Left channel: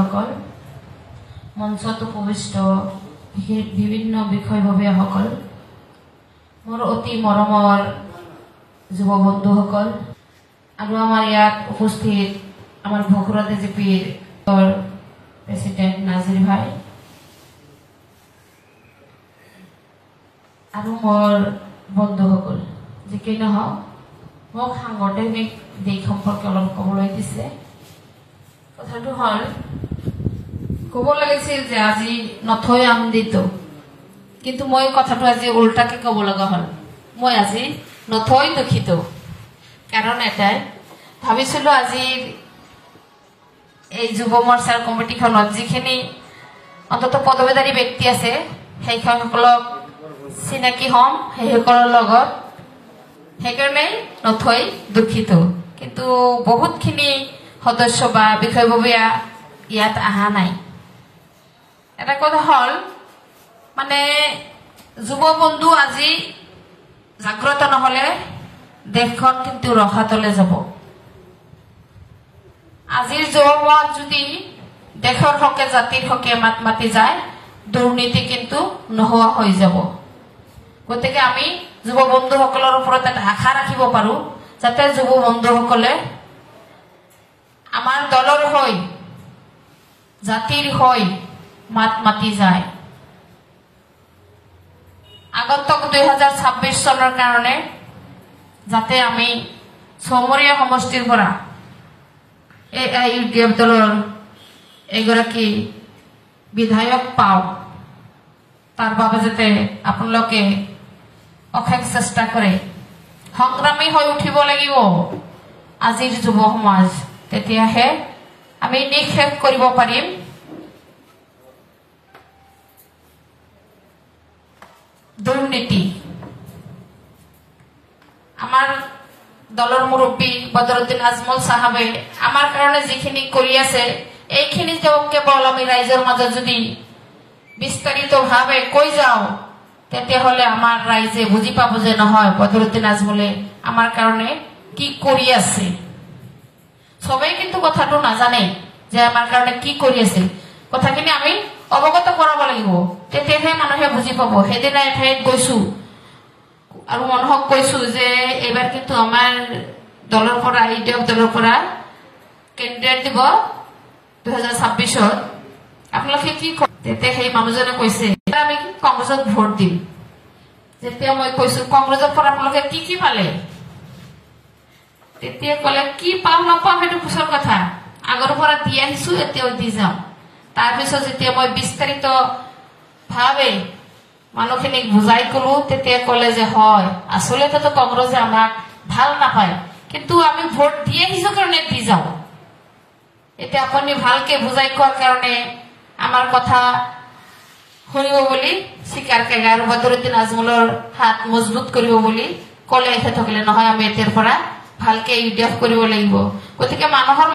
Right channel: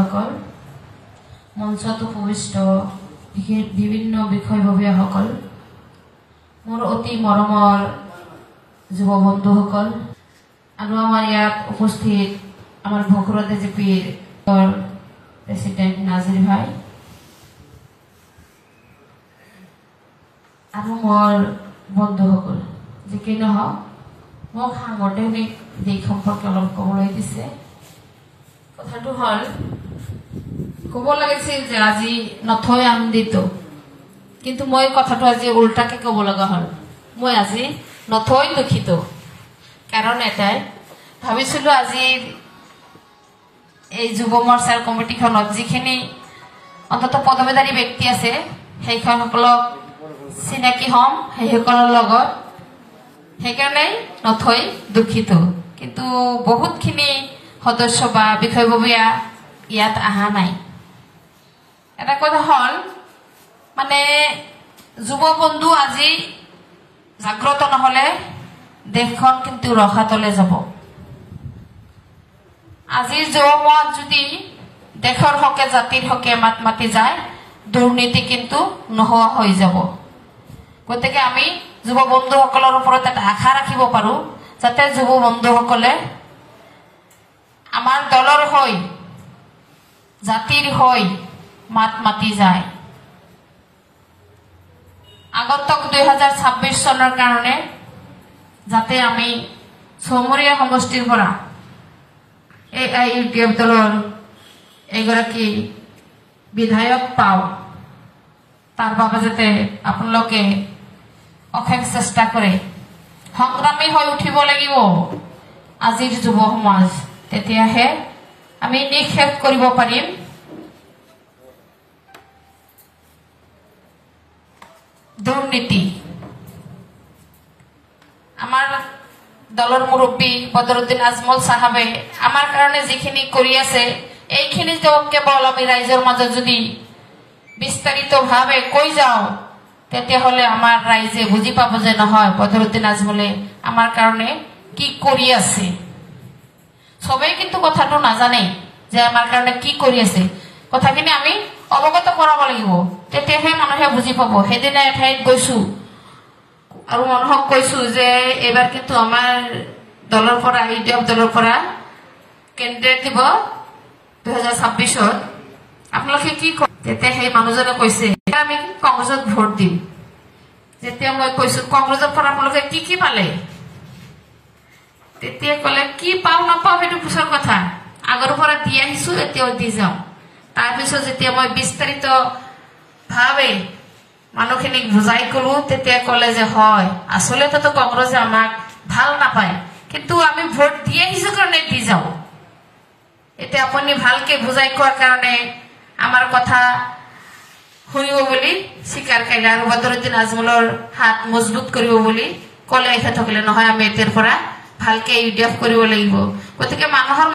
ভাতৃসকল, মঞ্চত উপবিষ্ট বিভিন্ন বিষয়ববীয়াসকল, মোৰ অতি মৰমৰ যুৱ বন্ধুসকল আৰু আমাৰ ইয়াত উপস্থিত আমাৰ ভকুৰা DJPৰ প্ৰেচিডেণ্ট নাজিৰ ভাই আৰু মোৰ বন্ধুসকল, যিকি নহওক মোক সাংগঠনিক দিশ সম্পৰ্কে অলপ ক'বলৈ দিছে। কথাটো হ'ল, ক'ব লাগিছিল যে আজি নথৈ আনন্দিত, কিন্তু মই কথাটো আজি উল্টাকে ক'ব লগা হ'ল। মই আজি নথৈ দুখিত। কাৰণ এটাই, ভাবিছিলো আজি এই যুৱ মৰ্চাৰ কমিটিখনত যিখিনি অন্তত পদবীধাৰী ব্যক্তি আছে সেইসকলক চিনাকি হ'ম সেইসকলৰ লগত, সেইকাৰণেই নথৈ দুখিত। কিন্তু বহুতখিনি সদস্য বা বিষয়ববীয়া ইয়াত অহা নাই। এটা কথা হ'ল, মানে যুৱ বন্ধু আজি জাগ্ৰত নহলে দেশখন কিন্তু ৰসাতলে যাব। আজিৰ যুৱমত যদি দেশৰ হকে জাতিৰ হকে মাত মাতি যায়, দুৰ্নীতি কিন্তু নোহোৱা হৈ যাব। গতিকে আমি যুৱ বন্ধুসকলৰ ওপৰত এটা আশা ৰাখিব পাৰো, যাতে যুৱ বন্ধুসকলে আমাৰ দলৰ হৈ জাতিৰ হৈ মাত মাতি যায়। আগন্তুক 2026 চনৰ কাৰণে যাতে আমি চমৰীয়া সমষ্টিৰ পৰা AIUDF দলৰ এগৰাকী বিধায়ক পাওঁ, তাৰ বাবে যাতে আপোনালোকে অশেষ চেষ্টা কৰে, সংগ্ৰামী হৈ উঠিব লাগিব আজিৰ যুৱ সমাজ। তেতিয়াহে আমি নিঃশেষ কৰিব পাৰিম দুৰ্নীতি। আমাৰ দলৰ মুৰব্বী বদৰুদ্দিন আজমল সাহেবে আমাৰ কাৰণে যিখিনি কৰি আছে, এইখিনি কেৱল আমি ৰাইজৰ মাজত যদি বিস্তাৰিতভাৱে কৈ যাওঁ, তেতিয়াহ'লে আমাৰ ৰাইজে বুজি পাব যে নহয়, বদৰুদ্দিন আজমলে আমাৰ কাৰণে কি কৰি আছে। সবেই কিন্তু কথাটো নাজানে যে আমাৰ কাৰণে কি কৰি আছে। কথাখিনি আমি অৱগত কৰাব লাগিব, তেতিয়াহে মানুহে বুজি পাব। সেইদিনা এঠাইত গৈছো আৰু মানুহক কৈছো যে এইবাৰ কিন্তু আমাৰ দলৰ পৰা AIUDF দলৰ পৰা কেণ্ডিডেট দিব 2026-ত, আপোনালোকে কি কয়? তেতিয়া সেই মানুহজনে কৈছে আমি কংগ্ৰেছত ভোট দিম। যেতিয়া মই কৈছো কংগ্ৰেছৰ পৰা আপোনালোকে কি কি পালে, তেতিয়া কলে কি পাওঁ নাপাওঁ সেইটো পিছৰ কথা, আগৰ পৰা দি আহিছো এতিয়াও দি যাম। তাৰপিছত যেতিয়া মই বিস্তাৰিত ভাৱে মানুহখিনিক বুজাই কলো, তেতিয়া কলে যে হয়, আচলতে কংগ্ৰেছে আমাক ভাল নাপায়, কিন্তু আমি ভোট দি আহিছো কাৰণে দি যাওঁ। এতিয়া আপুনি ভালকে বুজাই কোৱাৰ কাৰণে আমাৰ কথা শুনিব বুলি স্বীকাৰ কৰে আৰু বদৰুদ্দিন আজমলৰ হাত মজবুত কৰিব বুলি কলে। এখেতসকলে নহয়, আমি এতিয়াৰ পৰা ভালকে AIUDF কৰিব লাগিব। গতিকে মানুহৰ